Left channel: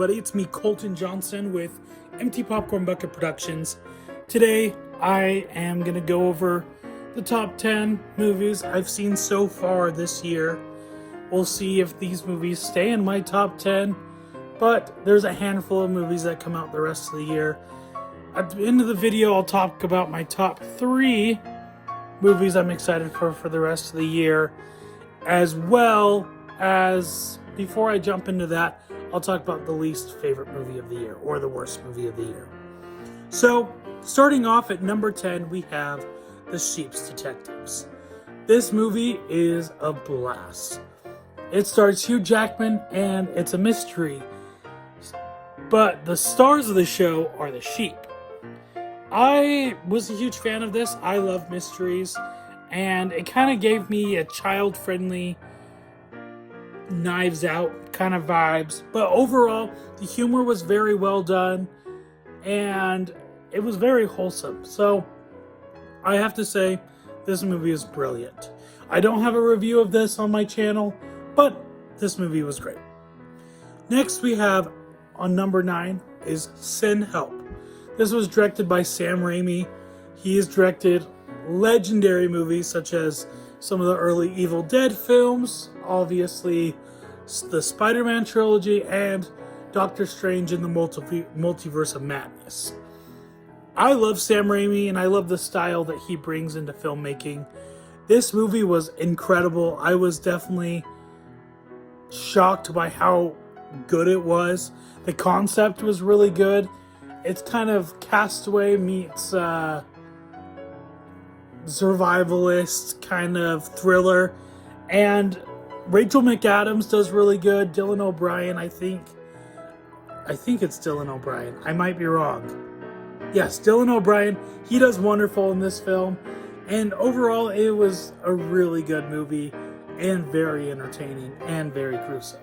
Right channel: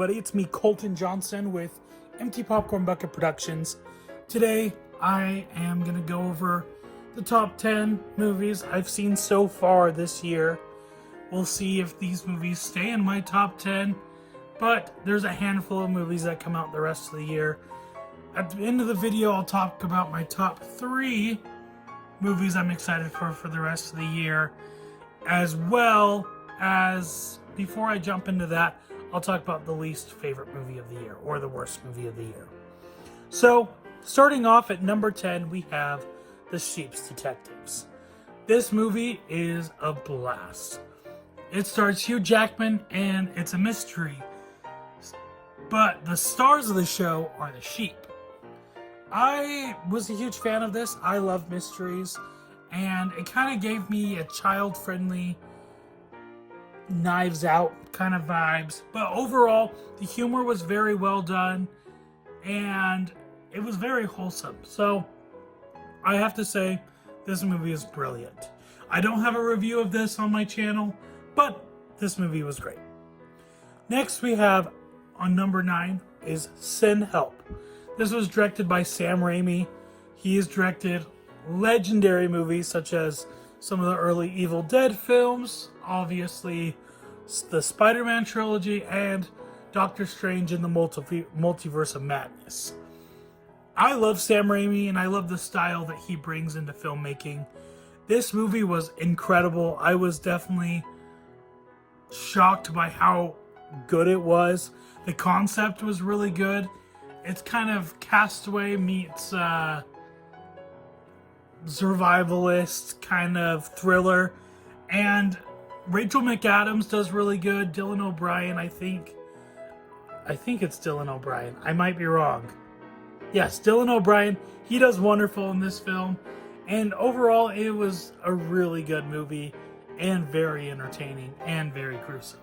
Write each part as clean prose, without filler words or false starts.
everybody, it's me, Colton Johnson, with Empty Popcorn Bucket Productions. Today, I am going to go over the top 10 movies I've seen so far this year. We'll see if these movies stay in my top 10, but there's a handful of movies that come out the rest of the year. At the end of the video, I'll talk about my top 3 movies I'm excited for the rest of the year, as well as, before I jump into that, I'll talk about the least favorite movie of the year, or the worst movie of the year. So, starting off at number 10, we have The Sheep's Detectives. This movie is a blast. It stars Hugh Jackman, and it's a mystery. But the stars of the show are the sheep. I was a huge fan of this. I love mysteries, and it kind of gave me a child-friendly Knives Out kind of vibes. But overall, the humor was very well done, and it was very wholesome. So, I have to say, this movie is brilliant. I don't have a review of this on my channel, but this movie was great. Next, we have, on number 9, is Sin Help. This was directed by Sam Raimi. He has directed legendary movies such as some of the early Evil Dead films, obviously the Spider-Man trilogy, and Doctor Strange in the Multiverse of Madness. I love Sam Raimi, and I love the style that he brings into filmmaking. This movie was incredible. I was definitely shocked by how good it was. The concept was really good. It's kind of Castaway meets survivalist kind of thriller, and Rachel McAdams does really good. Dylan O'Brien, I think it's Dylan O'Brien. I might be wrong. Yes, Dylan O'Brien. He does wonderful in this film, and overall, it was a really good movie and very entertaining and very gruesome.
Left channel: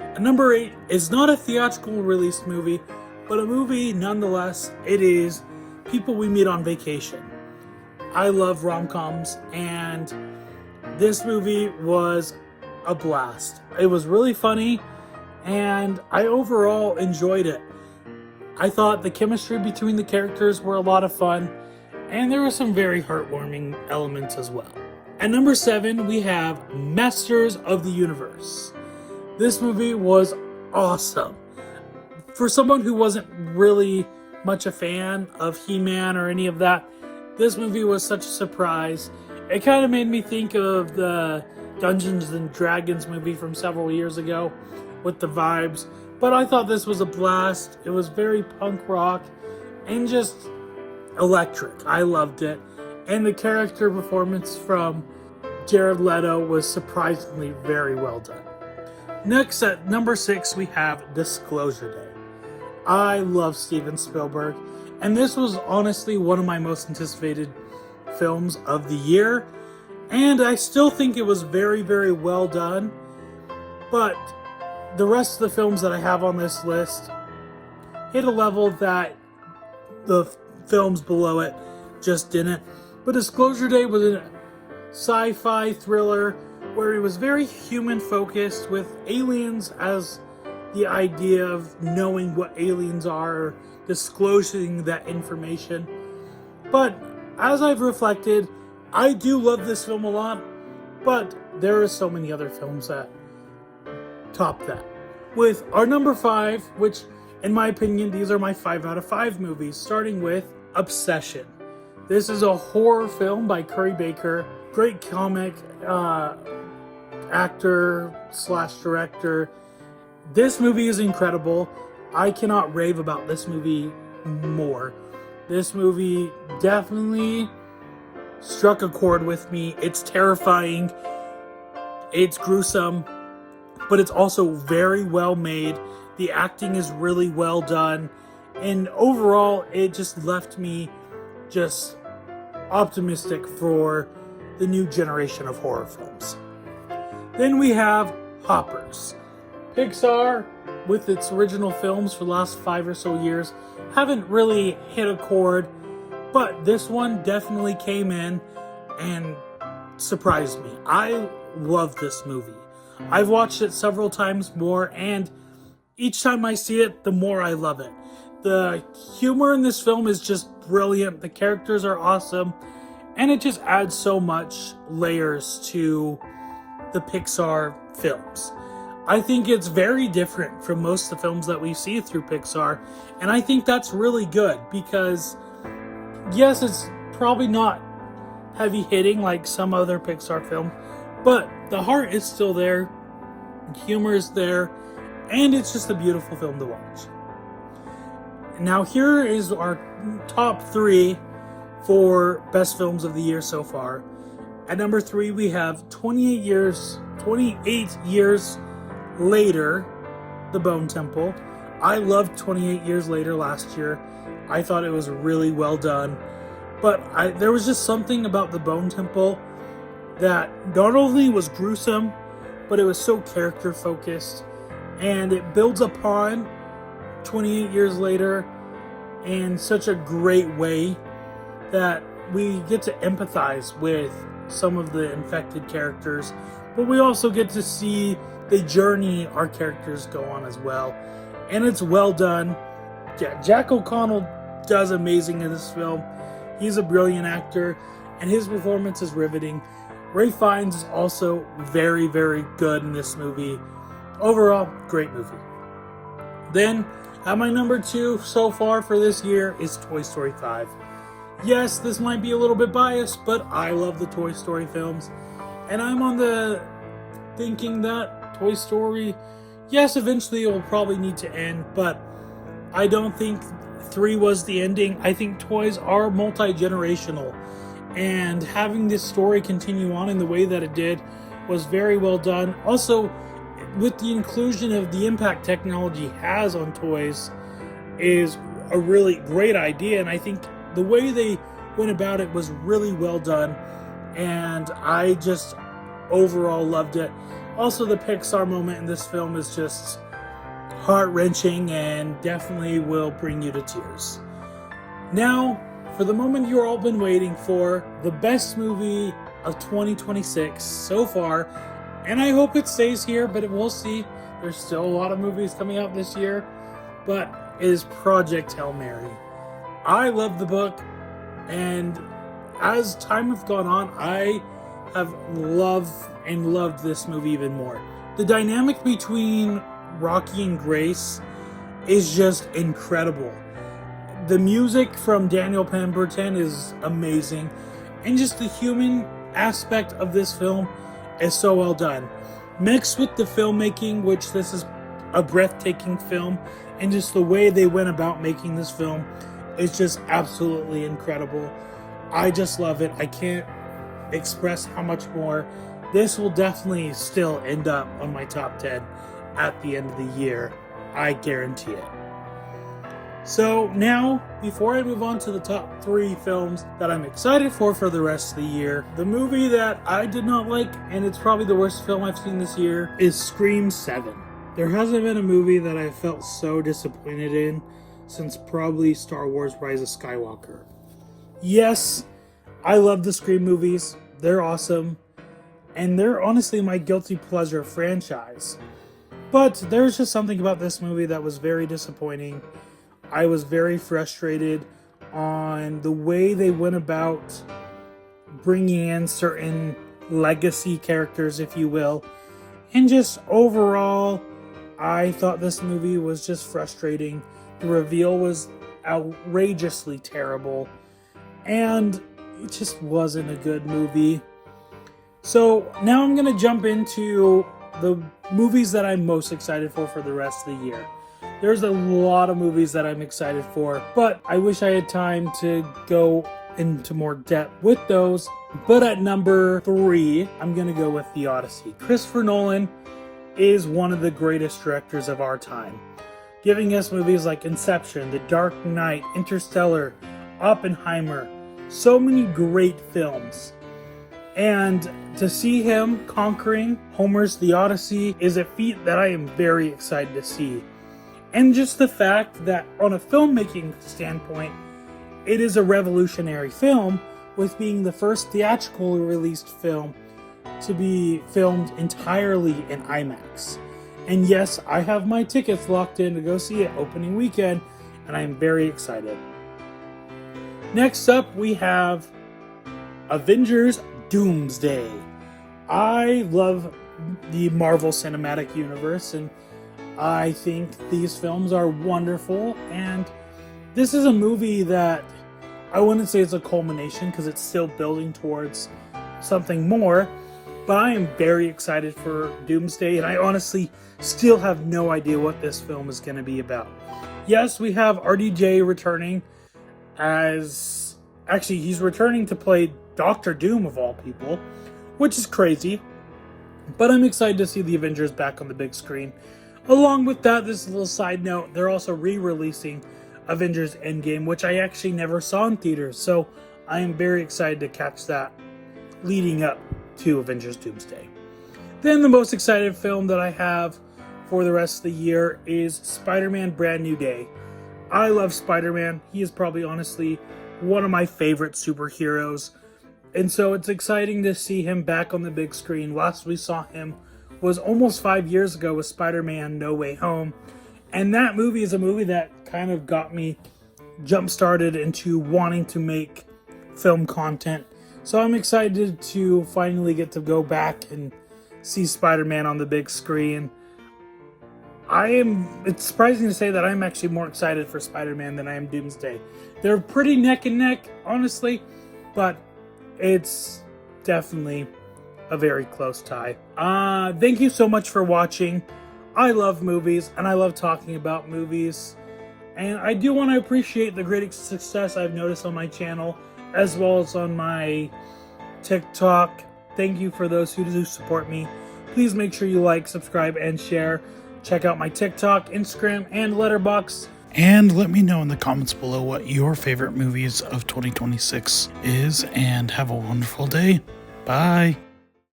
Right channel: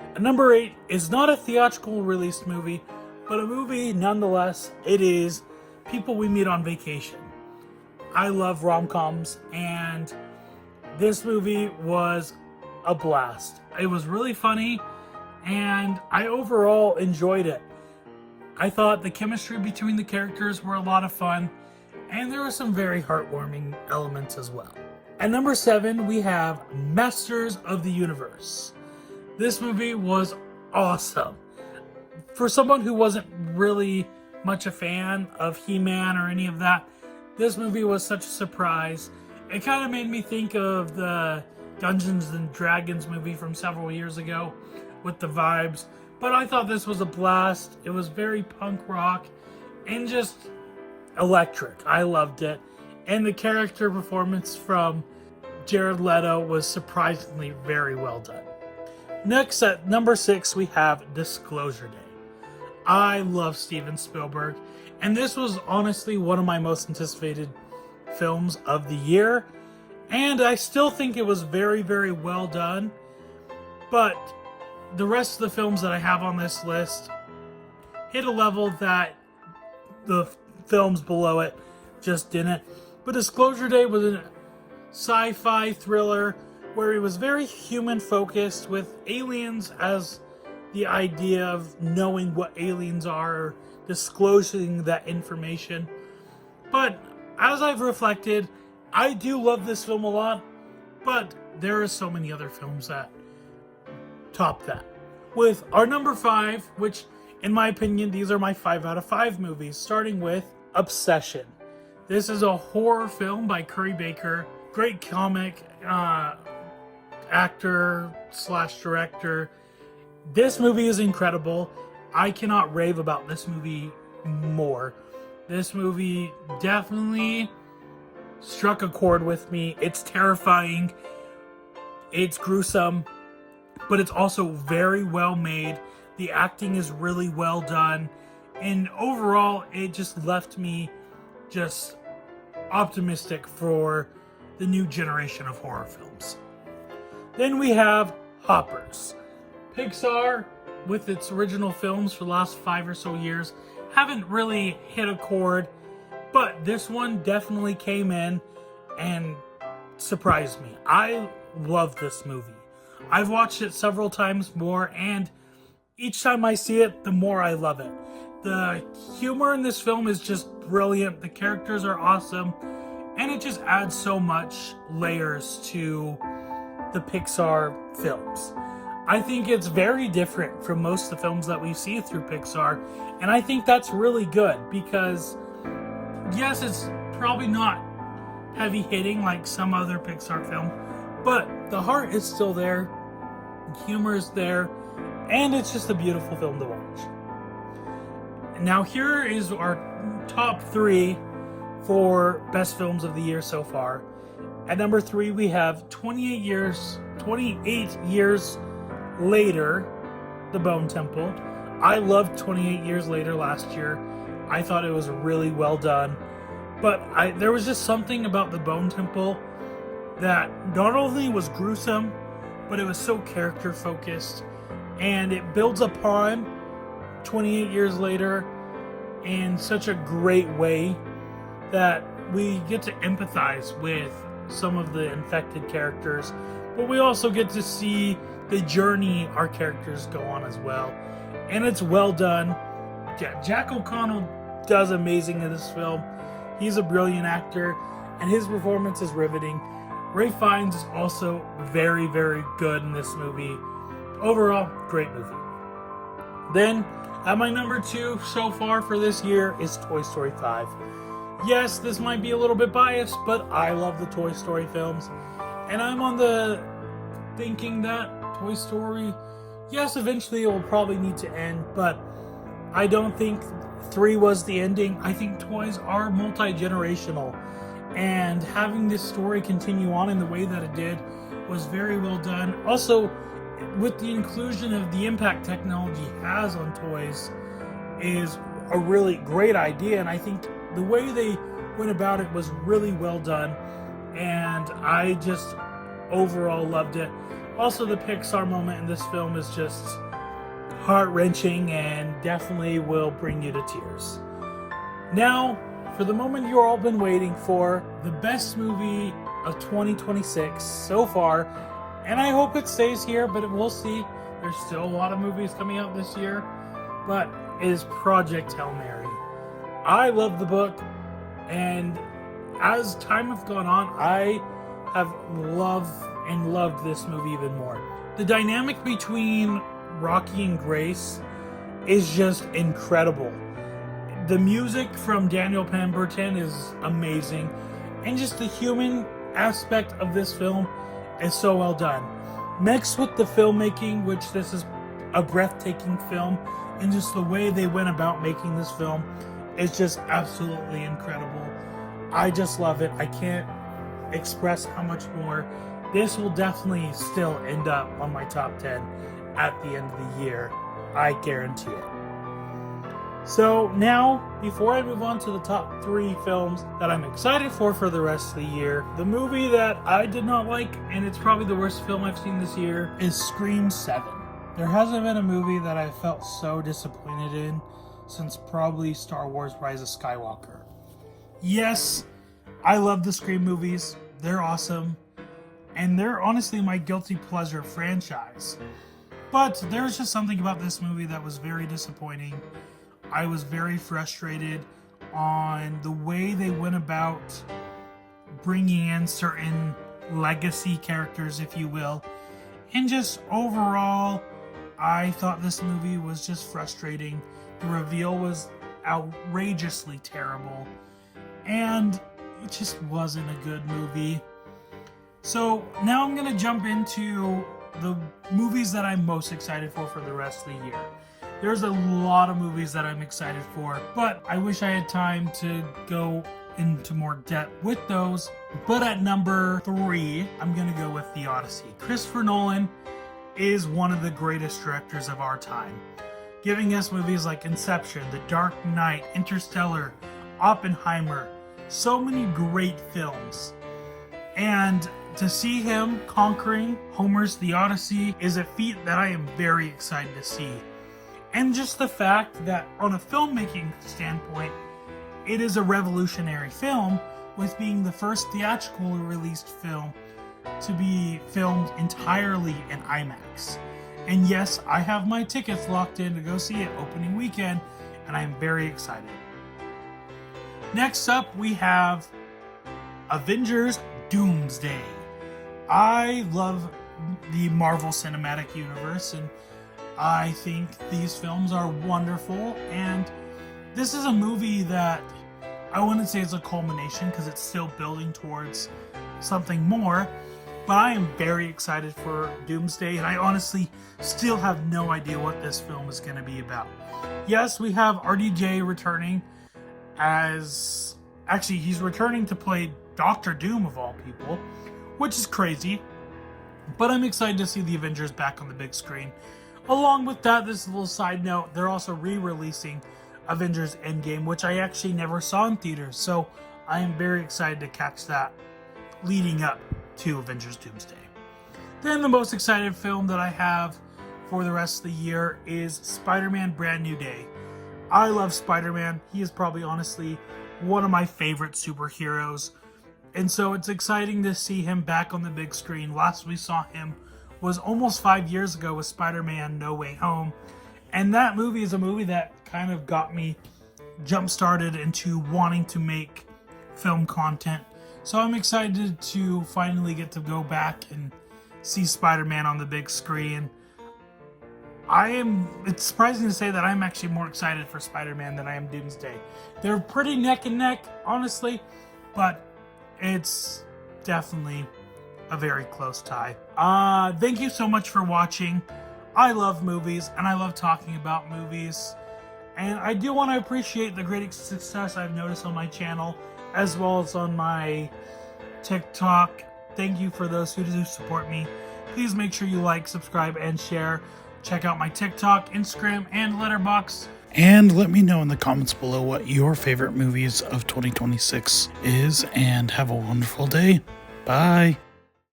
And number 8 is not a theatrical release movie, but a movie nonetheless. It is People We Meet on Vacation. I love rom-coms, and this movie was a blast. It was really funny, and I overall enjoyed it. I thought the chemistry between the characters were a lot of fun, and there were some very heartwarming elements as well. At number 7, we have Masters of the Universe. This movie was awesome. For someone who wasn't really much a fan of He-Man or any of that, this movie was such a surprise. It kind of made me think of the Dungeons and Dragons movie from several years ago with the vibes. But I thought this was a blast. It was very punk rock and just electric. I loved it. And the character performance from Jared Leto was surprisingly very well done. Next, at number 6, we have Disclosure Day. I love Steven Spielberg, and this was honestly one of my most anticipated films of the year, and I still think it was very, very well done, but the rest of the films that I have on this list hit a level that the films below it just didn't. But Disclosure Day was a sci-fi thriller where it was very human-focused, with aliens as the idea of knowing what aliens are, or disclosing that information. But as I've reflected, I do love this film a lot, but there are so many other films that top that. With our number 5, which in my opinion, these are my 5 out of 5 movies, starting with Obsession. This is a horror film by Curry Baker. Great comic actor / director. This movie is incredible. I cannot rave about this movie more. This movie definitely struck a chord with me. It's terrifying. It's gruesome, but it's also very well made. The acting is really well done. And overall, it just left me just optimistic for the new generation of horror films. Then we have Hoppers. Pixar, with its original films for the last 5 or so years, haven't really hit a chord, but this one definitely came in and surprised me. I love this movie. I've watched it several times more, and each time I see it, the more I love it. The humor in this film is just brilliant. The characters are awesome. And it just adds so much layers to the Pixar films. I think it's very different from most of the films that we see through Pixar. And I think that's really good because, yes, it's probably not heavy hitting like some other Pixar film, but the heart is still there, the humor is there, and it's just a beautiful film to watch. Now here is our top 3 for best films of the year so far. At number 3 we have 28 years later, The Bone Temple. I loved 28 Years Later last year. I thought it was really well done. But there was just something about The Bone Temple that not only was gruesome, but it was so character focused. And it builds upon 28 Years Later in such a great way that we get to empathize with some of the infected characters. But we also get to see the journey our characters go on as well. And it's well done. Jack O'Connell does amazing in this film. He's a brilliant actor, and his performance is riveting. Ralph Fiennes is also very, very good in this movie. Overall, great movie. Then, at my number 2 so far for this year is Toy Story 5. Yes, this might be a little bit biased, but I love the Toy Story films. And I'm on the thinking that Toy Story, yes, eventually it will probably need to end, but I don't think 3 was the ending. I think toys are multi-generational, and having this story continue on in the way that it did was very well done. Also, with the inclusion of the impact technology has on toys is a really great idea, and I think the way they went about it was really well done, and I just overall loved it. Also, the Pixar moment in this film is just heart-wrenching and definitely will bring you to tears. Now, for the moment you've all been waiting for, the best movie of 2026 so far, and I hope it stays here, but we'll see. There's still a lot of movies coming out this year, but is Project Hail Mary. I love the book, and as time has gone on, I have loved this movie even more. The dynamic between Rocky and Grace is just incredible. The music from Daniel Pemberton is amazing, and just the human aspect of this film is so well done. Mixed with the filmmaking, which this is a breathtaking film, and just the way they went about making this film is just absolutely incredible. I just love it. I can't express how much more. This will definitely still end up on my top 10 at the end of the year. I guarantee it. So now, before I move on to the top 3 films that I'm excited for the rest of the year, the movie that I did not like, and it's probably the worst film I've seen this year, is Scream 7. There hasn't been a movie that I felt so disappointed in since probably Star Wars Rise of Skywalker. Yes, I love the Scream movies. They're awesome. And they're honestly my guilty pleasure franchise. But there's just something about this movie that was very disappointing. I was very frustrated on the way they went about bringing in certain legacy characters, if you will. And just overall, I thought this movie was just frustrating. The reveal was outrageously terrible. And it just wasn't a good movie. So now I'm going to jump into the movies that I'm most excited for the rest of the year. There's a lot of movies that I'm excited for, but I wish I had time to go into more depth with those. But at number 3, I'm going to go with The Odyssey. Christopher Nolan is one of the greatest directors of our time, giving us movies like Inception, The Dark Knight, Interstellar, Oppenheimer, so many great films. And to see him conquering Homer's The Odyssey is a feat that I am very excited to see. And just the fact that on a filmmaking standpoint, it is a revolutionary film, with being the first theatrically released film to be filmed entirely in IMAX. And yes, I have my tickets locked in to go see it opening weekend, and I'm very excited. Next up, we have Avengers Doomsday. I love the Marvel Cinematic Universe, and I think these films are wonderful. And this is a movie that I wouldn't say it's a culmination because it's still building towards something more, but I am very excited for Doomsday, and I honestly still have no idea what this film is going to be about. Yes, we have RDJ returning as... Actually, he's returning to play Doctor Doom, of all people, which is crazy. But I'm excited to see the Avengers back on the big screen. Along with that, this is a little side note, they're also re-releasing Avengers Endgame, which I actually never saw in theaters. So I am very excited to catch that leading up to Avengers Doomsday. Then the most excited film that I have for the rest of the year is Spider-Man Brand New Day. I love Spider-Man. He is probably honestly one of my favorite superheroes. And so it's exciting to see him back on the big screen. Last we saw him was almost 5 years ago with Spider-Man No Way Home. And that movie is a movie that kind of got me jump-started into wanting to make film content. So I'm excited to finally get to go back and see Spider-Man on the big screen. It's surprising to say that I'm actually more excited for Spider-Man than I am Doomsday. They're pretty neck and neck, honestly, but it's definitely a very close tie. Thank you so much for watching. I love movies, and I love talking about movies. And I do want to appreciate the great success I've noticed on my channel, as well as on my TikTok. Thank you for those who do support me. Please make sure you like, subscribe, and share. Check out my TikTok, Instagram, and Letterboxd. And let me know in the comments below what your favorite movies of 2026 is, and have a wonderful day. Bye.